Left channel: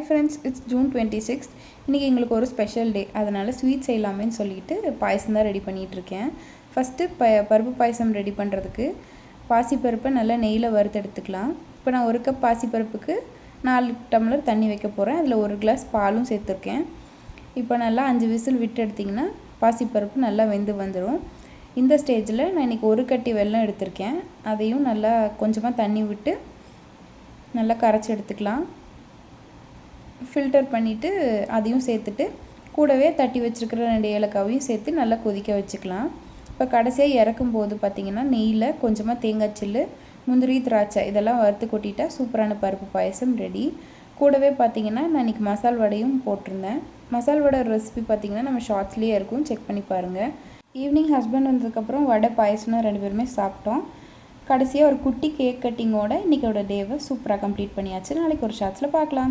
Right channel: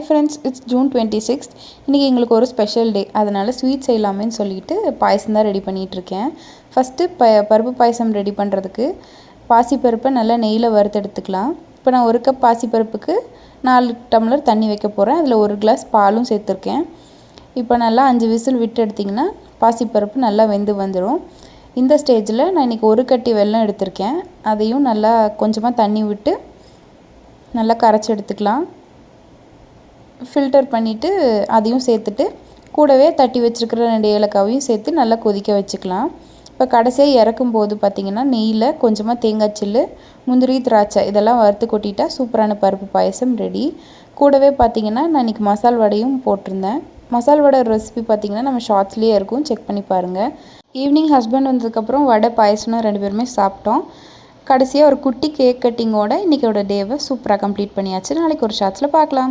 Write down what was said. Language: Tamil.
Hi friends, it's June 26th. இன்றைக்கி எங்களுக்கு ஒரு ஸ்பெஷல் டே. அதனால் ஸ்வீட் செய்யலாமேன்னு சொல்லிட்டு பாயசம் தான் ரெடி பண்ணிகிட்ருக்கேன். ஃபஸ்ட்டு பருப்பு பாயசம் ரெடி பண்ணுறதுக்கு பாசிப்பருப்பை நல்லா நெய்யில் வறுத்தெடுத்துக்கலாம். இப்போ நான் 1 கப் பாசிப்பருப்புக்கு 4 டம்ளர் தண்ணி வைக்க போகிறேன். அதில் 1 கிளாஸ் பாலும் சேர்த்துருக்கேன். இப்போ நல்லா 5 விசில் விட்டு எடுத்திங்கன்னா பாசிப்பருப்பு நல்லா வெந்து வந்துடும். இந்த ஸ்டேஜில் நான் இன்றைக்கி 1 கட்டி வெல்லம் எடுத்திருக்கேன். அதையும் நல்லா கொஞ்சமாக தண்ணி விட்டு நல்லா கரைச்சி எடுத்துக்கலாம். ஃபில்டர் பண்ணிவிட்டு அதையும் சேர்த்துட்டு கூடவே தட்டி வச்சுருக்கிற 2 ஏலக்காவையும் சேர்த்து நல்லா கொதிக்க வச்சுக்கலாம். இப்போ கடைசியாக இறக்கும்போது பார்த்திங்கன்னா நெய்யில் கொஞ்சமாக தேங்காய் சில்லு, முந்திரி, திராட்சை இதெல்லாம் வறுத்து கொட்டிட்டா சூப்பரான பருப்பு பாயசம் ரெடி. கூடவே பார்த்திங்கன்னா நான் இன்றைக்கி மசால் வடையும் போட்டிருந்தேன். மசால் வடை ரெசிபி பார்த்திங்கன்னா நம்ம ஷார்ட்ஸ்லேயே இருக்கும், செக் பண்ணி பாருங்கள். ஈவினிங் ஹஸ்பண்ட் வந்ததுக்கப்புறம் வடை பாயசம்னு 2 பேருமே சாப்பிட்டோம். கடைசியாக ஒரு குட்டி கேக் கட்டிங்கோட இன்றைக்கோட டேவை சூப்பராக கம்ப்ளீட் பண்ணியாச்சு. நாளைக்கு ஒரு ஷார்ட்ஸில் பார்க்கலாம்.